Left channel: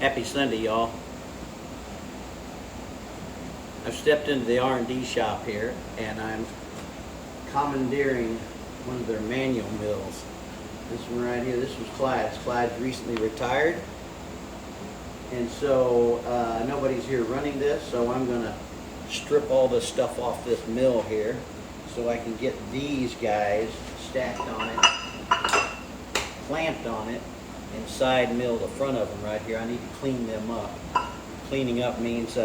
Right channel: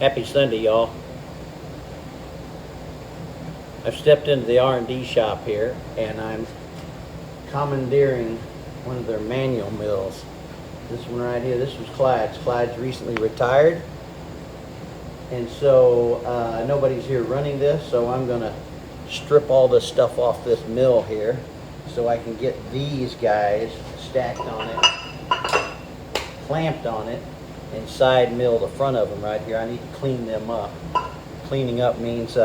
Happy Sunday, y'all. I've stepped into the R&D shop here, and I'm commandeering one of their manual mills. This one right here, this was Clyde's. Clyde's recently retired, and so nobody's here running this, so I'm gonna strip all this stuff off this mill here so I can get these guys stacked on it, clamped on it, and side mill the front of them right here. I need to clean them up. Cleaning up means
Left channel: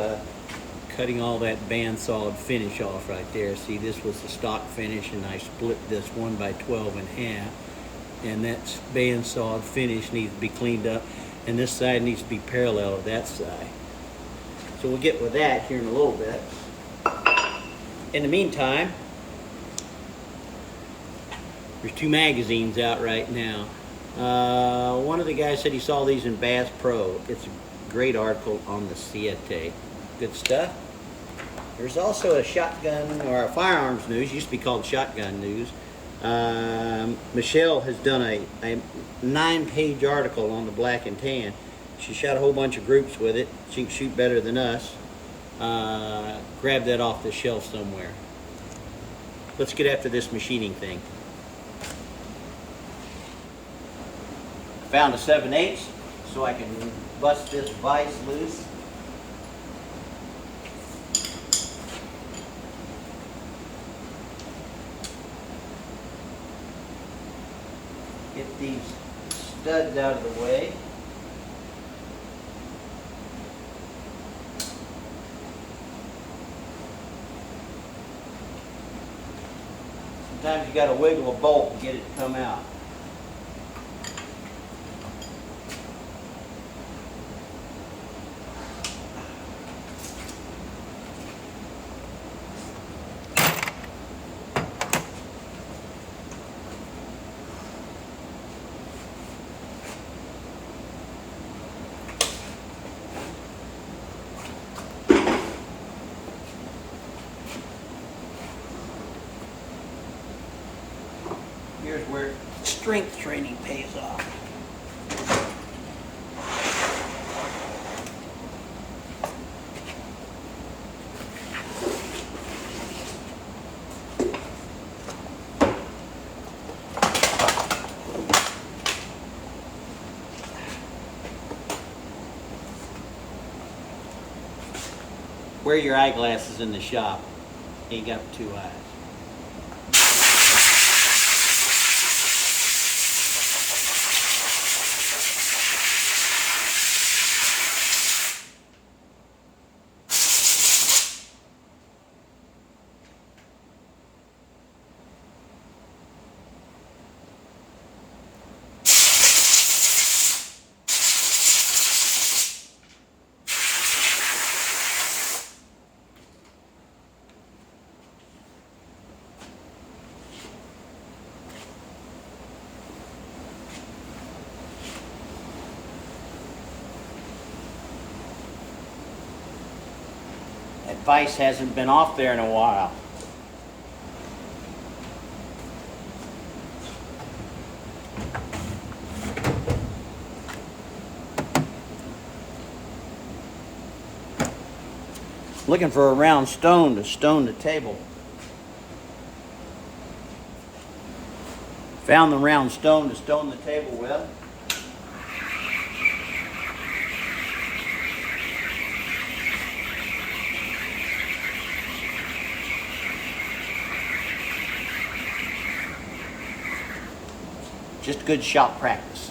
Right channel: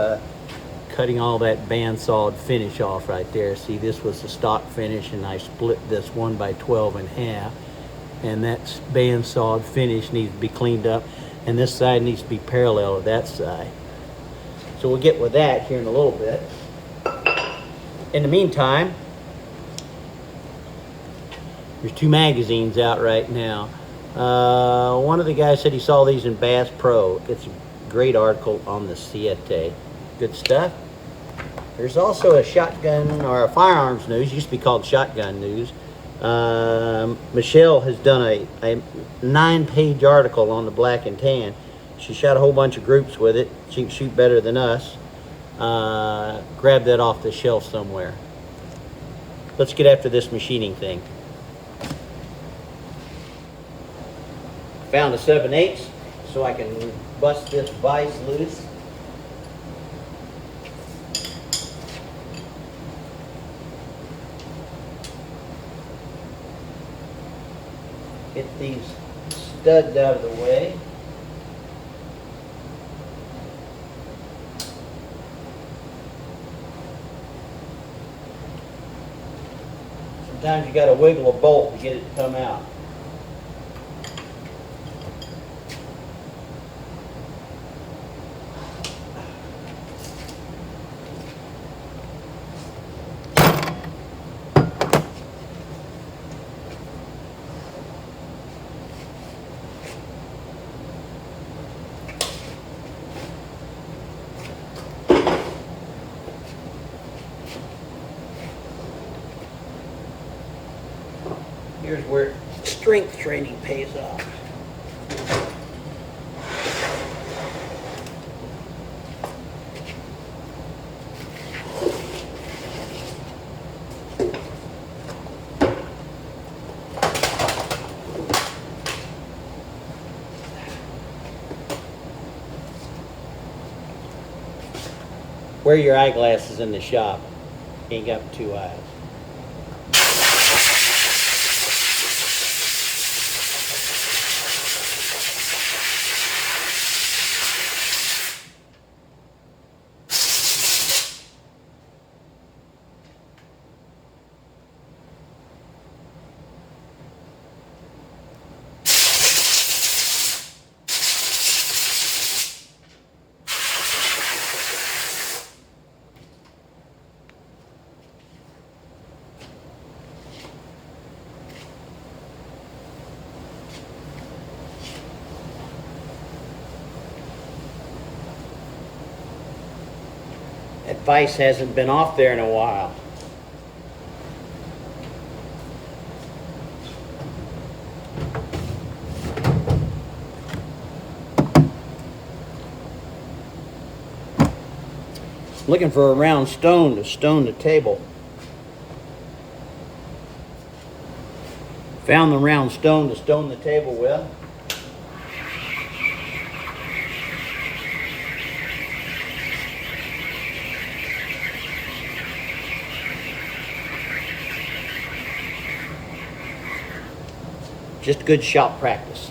cutting all that bandsawed finish off right there. See, this was the stock finish, and I split this 1x12 in half, and that bandsawed finish needs to be cleaned up, and this side needs to be parallel to that side. So we'll get with that here in a little bit. In the meantime, there's 2 magazines out right now. One of the guys said he saw these in Bass Pro. It's a great article on the Siete. Good stuff. There's also a shotgun or a firearms news. It used to be called shotgun news. Michelle has done a 9-page article on the black and tan. She shot a whole bunch of groups with it. She can shoot better than us. Grab that off the shelf somewhere. Let's get after this machining thing. Found a 7/8 so I can bust this vise loose. Get these studs out of the way. Sometimes you got to wiggle a bolt to get it to come out. Here's where strength training pays off. Wear your eyeglasses in the shop. You ain't got 2 eyes. That vise hasn't been off there in a while. Looking for a round stone to stone the table. Found the round stone to stone the table with. Just good shop practice.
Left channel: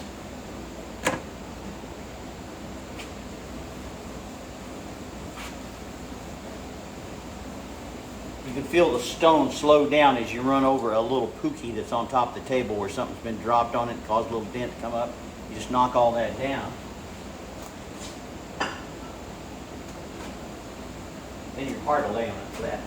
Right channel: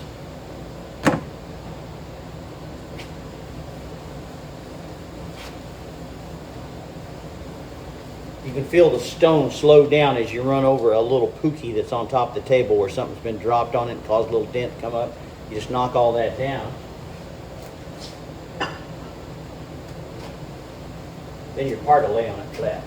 You can feel the stone slow down as you run over a little pookie that's on top of the table where something's been dropped on it and caused a little dent to come up. You just knock all that down. Then your part will lay on it flat.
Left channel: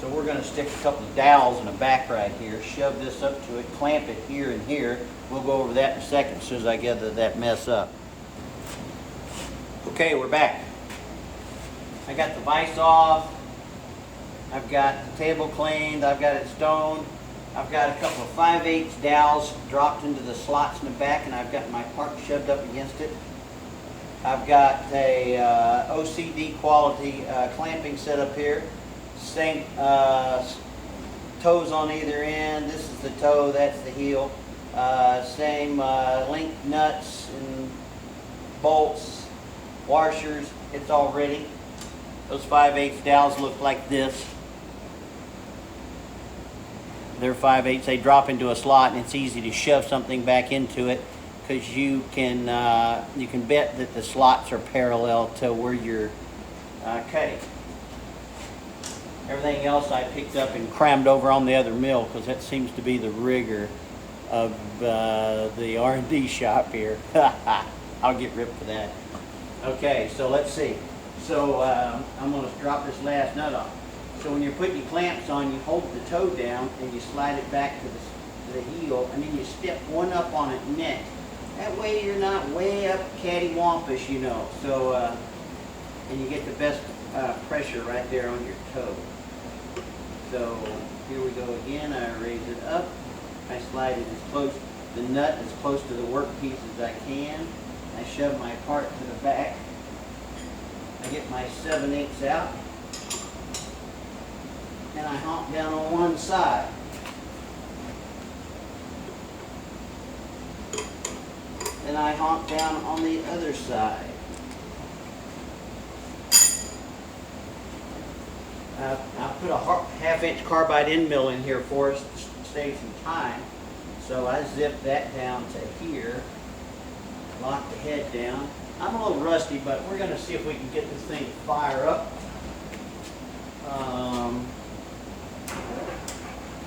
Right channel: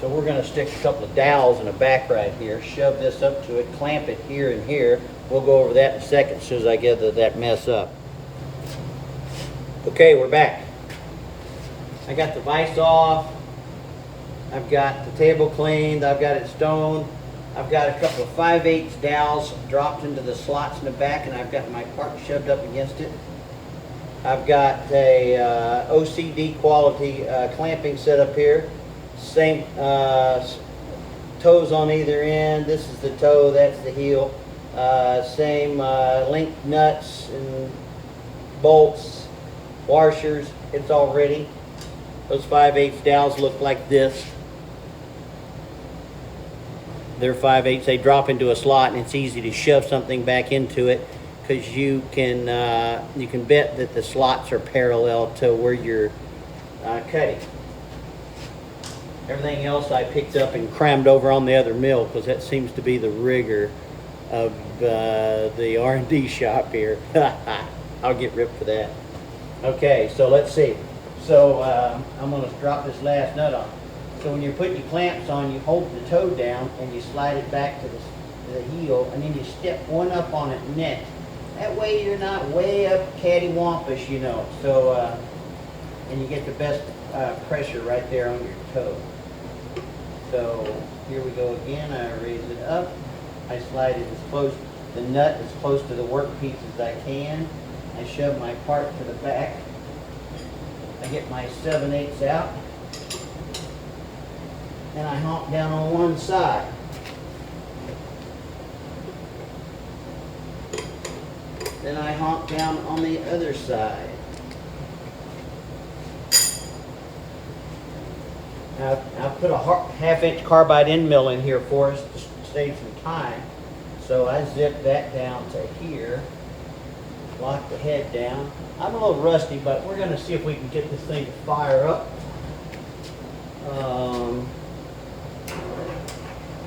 So we're going to stick a couple of dowels in the back right here, shove this up to it, clamp it here and here. We'll go over that in a second as soon as I get that mess up. Okay, we're back. I got the vise off. I've got the table cleaned. I've got it stoned. I've got a couple of 5/8 dowels dropped into the slots in the back, and I've got my part shoved up against it. I've got a OCD quality clamping set up here. Same toes on either end. This is the toe, that's the heel. Same link nuts and bolts, washers. It's all ready. Those 5/8 dowels look like this. They're 5/8. They drop into a slot, and it's easy to shove something back into it because you can bet that the slots are parallel to where you're cutting. Everything else I picked up and crammed over on the other mill because that seems to be the rigor of the R&D shop here. I'll get ripped for that. Okay, so let's see. So I'm going to drop this last nut on. So when you're putting your clamps on, you hold the toe down and you slide it back to the heel, and then you step one up on it next. That way you're not way up cattywampus, you know. So and you get the best pressure right there on your toe. So here we go again. I raise it up. I slide it as close, the nut as close to the workpiece as I can. I shove my part to the back. I get my 7/8 out. And I honk down on one side. Then I honk down on the other side. I've put a 1/2-inch carbide end mill in here for us to save some time. So I zip that down to here. Lock the head down. I'm a little rusty, but we're going to see if we can get this thing to fire up.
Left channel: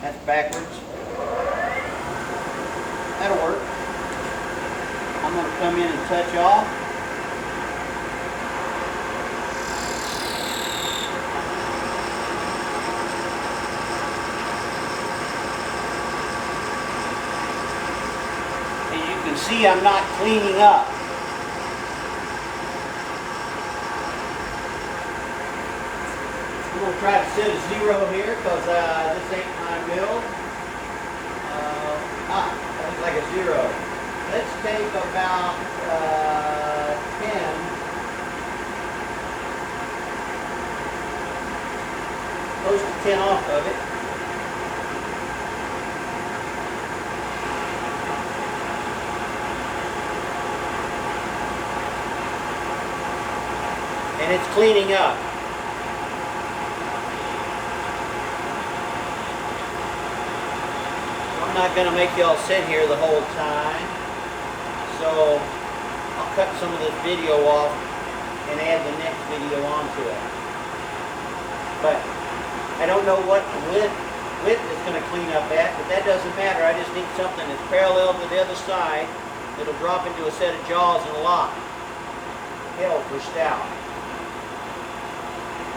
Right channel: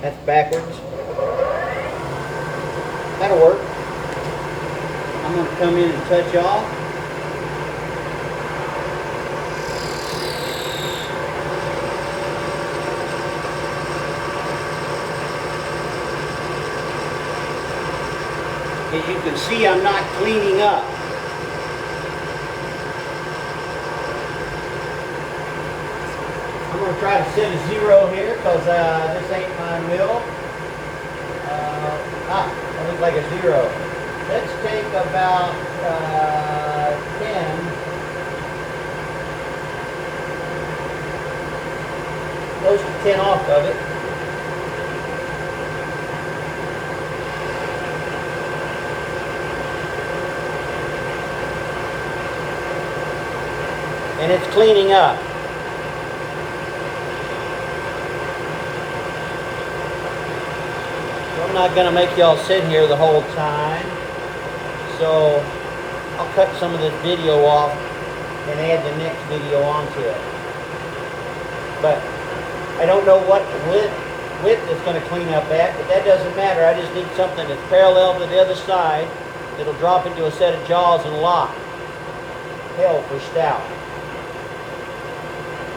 That's backwards. That'll work. I'm going to come in and touch off. As you can see, I'm not cleaning up. I'm going to try to set a 0 here because this ain't my mill. That looks like a 0. Let's take about 10. Close to 10 off of it. And it's cleaning up. I'm not going to make y'all sit here the whole time, so I'll cut some of this video off and add the next video onto it. But I don't know what width it's going to clean up at, but that doesn't matter. I just need something that's parallel to the other side that'll drop into a set of jaws and lock. Hell for stout.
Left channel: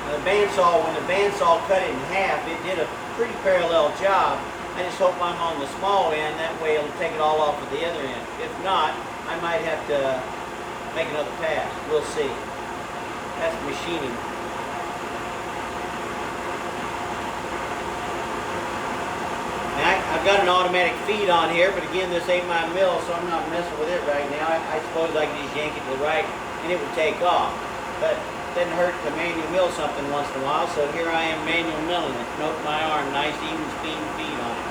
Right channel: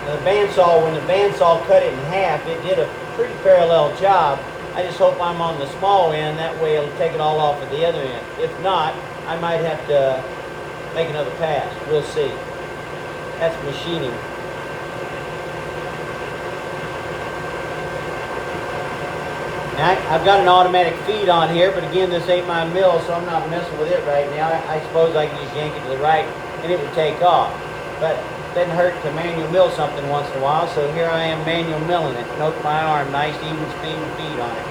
Now the bandsaw, when the bandsaw cut it in half, it did a pretty parallel job. I just hope I'm on the small end, that way it'll take it all off of the other end. If not, I might have to make another pass. We'll see. That's machining. Now, I've got an automatic feed on here, but again, this ain't my mill, so I'm not messing with it right now. I suppose I could just yank it to the right and it would take off. But it doesn't hurt to manual mill something once in a while, so here I am manual milling it. Note my arm, nice even speed and feed on it.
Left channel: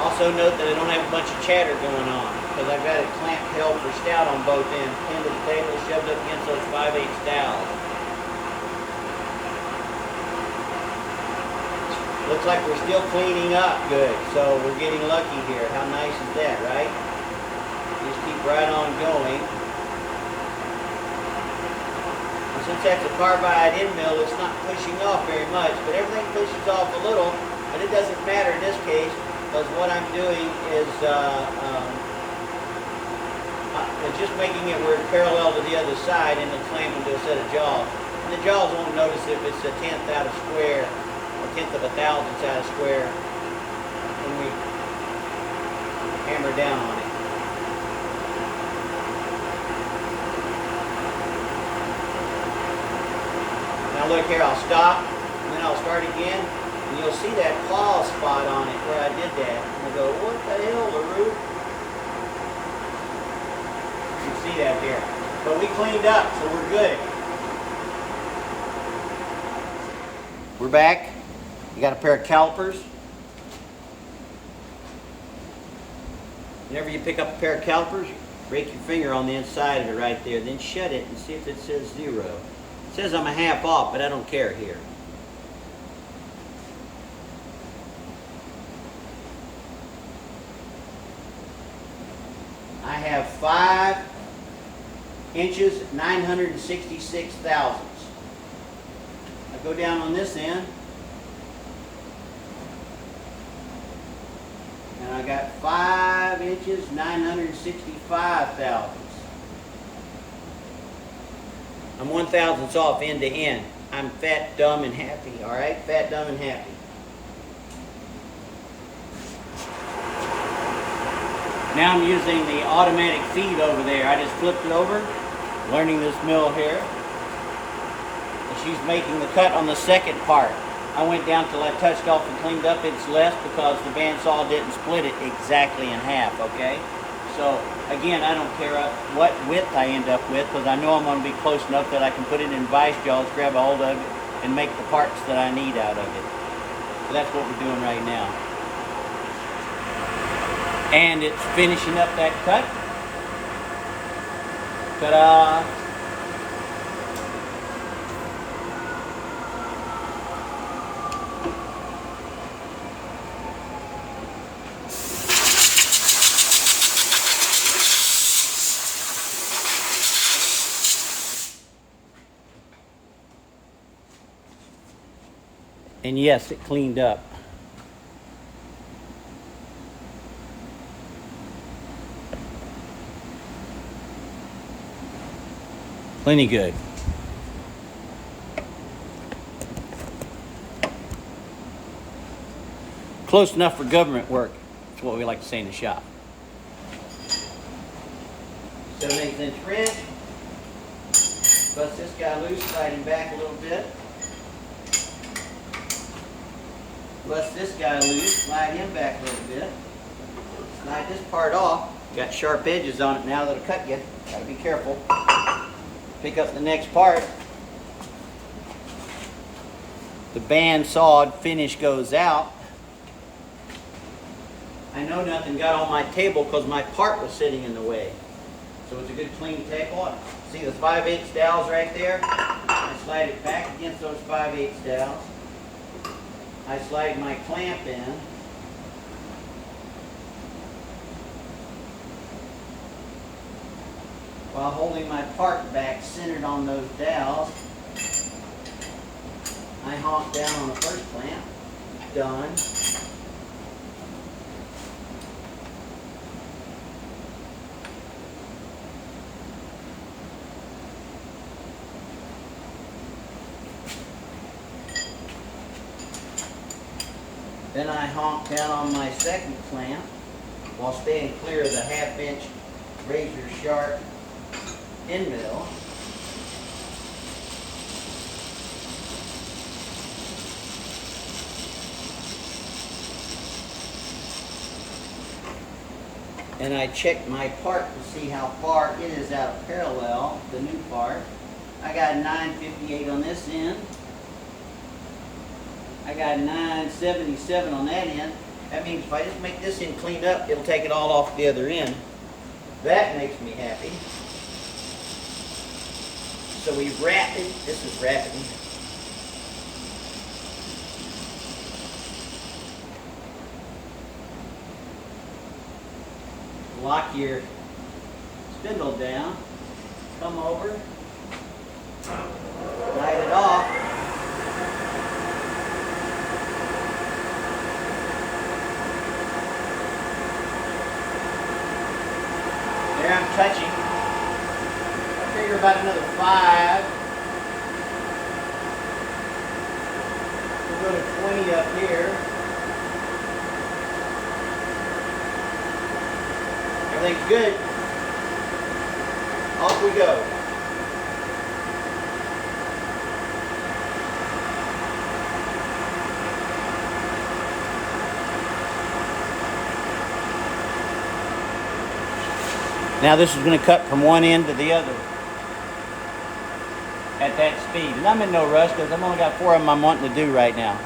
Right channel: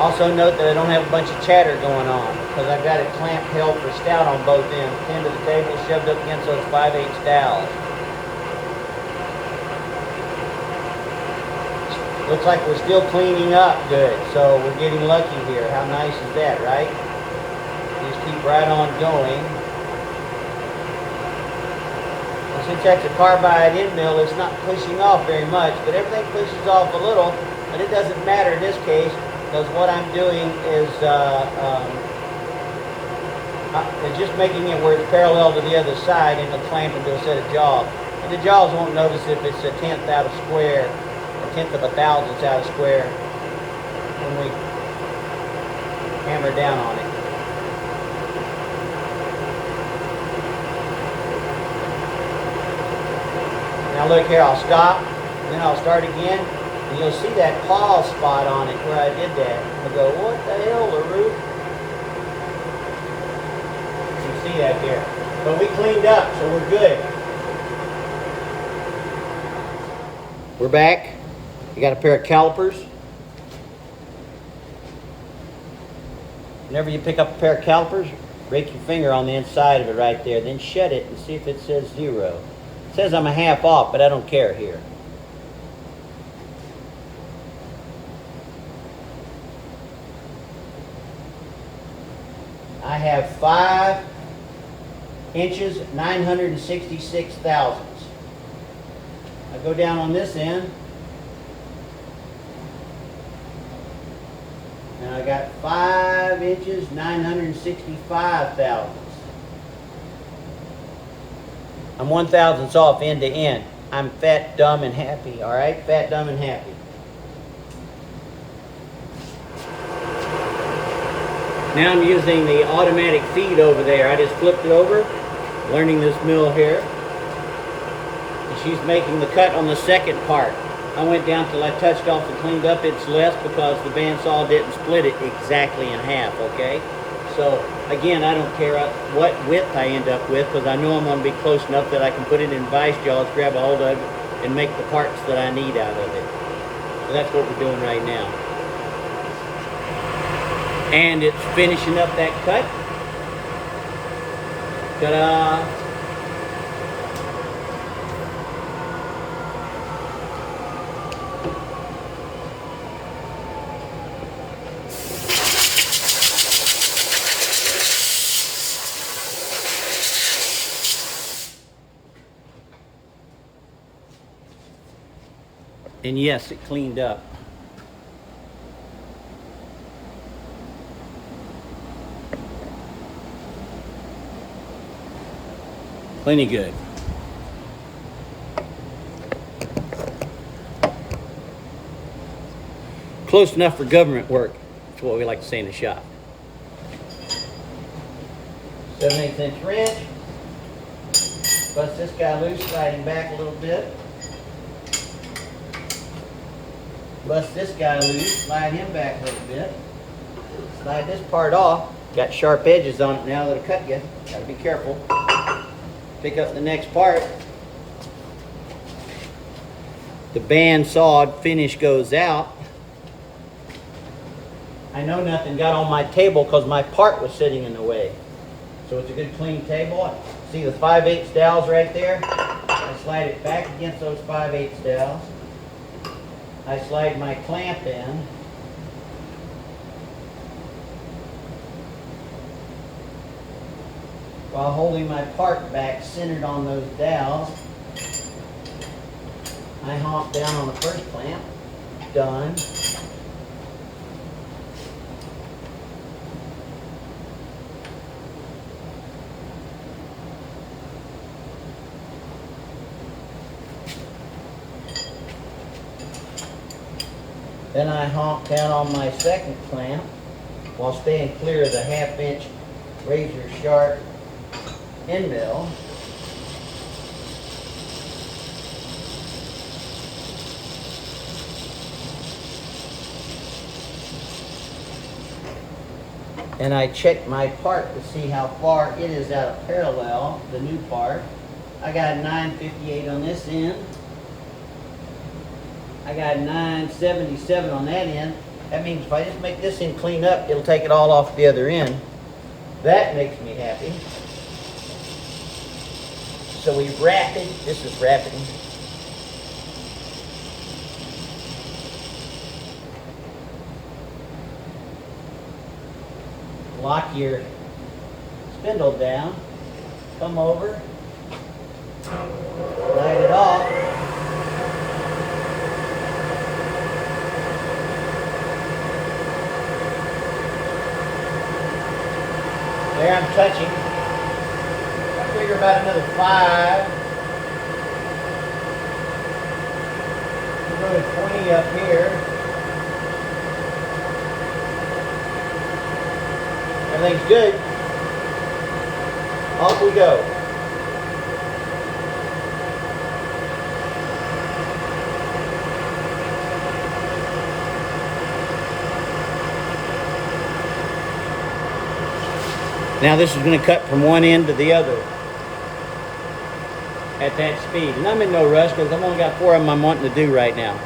Also note that I don't have a bunch of chatter going on, because I've got it clamped held for stout on both ends, pinned to the table, shoved up against those 5/8 dowels. Looks like we're still cleaning up good, so we're getting lucky here. How nice is that, right? Just keep right on going. And since that's a carbide end mill, it's not pushing off very much, but everything pushes off a little, but it doesn't matter in this case, because what I'm doing is just making it where it's parallel to the other side and it'll clamp into a set of jaws. And the jaws won't notice if it's a 1/10 out of square, a 1/10 of a thousandth out of square when we hammer down on it. Now look here, I'll stop, then I'll start again. And you'll see that paw spot on it where I did that. I go, what the hell, LaRue? You see that there. But we cleaned up, so we're good. We're back. You got a pair of calipers. Whenever you pick up a pair of calipers, break your finger on the inside of it right there, then shut it and see if it says 0. It says I'm a half off, but I don't care here. I have 5 inches, 966 thousandths. I go down on this end, and I got 5 inches, 965 thousandths. I'm 1 thousandths off end to end. I'm fat, dumb, and happy, all right? Fat, dumb, and happy. Now I'm using the automatic feed over there. I just flipped it over, learning this mill here. And she's making the cut on the second part. I went down till I touched off and cleaned up. It's less because the bandsaw didn't split it exactly in half, okay? So, again, I don't care what width I end up with because I know I'm going to be close enough that I can put it in vise jaws, grab a hold of it, and make the parts that I need out of it. So that's what we're doing right now. And it's finishing up that cut. Ta-da! And yes, it cleaned up. Plenty good. Close enough for government work. That's what we like to say in the shop. 7/8 inch wrench. Bust this guy loose, slide him back a little bit. Bust this guy loose, slide him back a little bit. Slide this part off. Got sharp edges on it now that'll cut you. Gotta be careful. Pick up the next part. The band sawed finish goes out. I know nothing got on my table because my part was sitting in the way. So it's a good clean table. See the 5/8 dowels right there? I slide it back against those 5/8 dowels. I slide my clamp in. While holding my part back centered on those dowels. I honk down on the first clamp. Done. Then I honk down on my second clamp while staying clear of the 1/2 inch razor sharp end mill. And I check my part to see how far it is out of parallel, the new part. I got 958 on this end. I got 977 on that end. That means if I just make this end clean up, it'll take it all off the other end. That makes me happy. So we wrap it. This is wrapping. Lock your spindle down. Come over. Light it off. There I'm touching. I figure about another 5. We'll go to 20 up here. Everything's good. Off we go. Now this is going to cut from one end to the other at that speed. And I'm in no rush because I've only got 4 of them I'm wanting to do right now.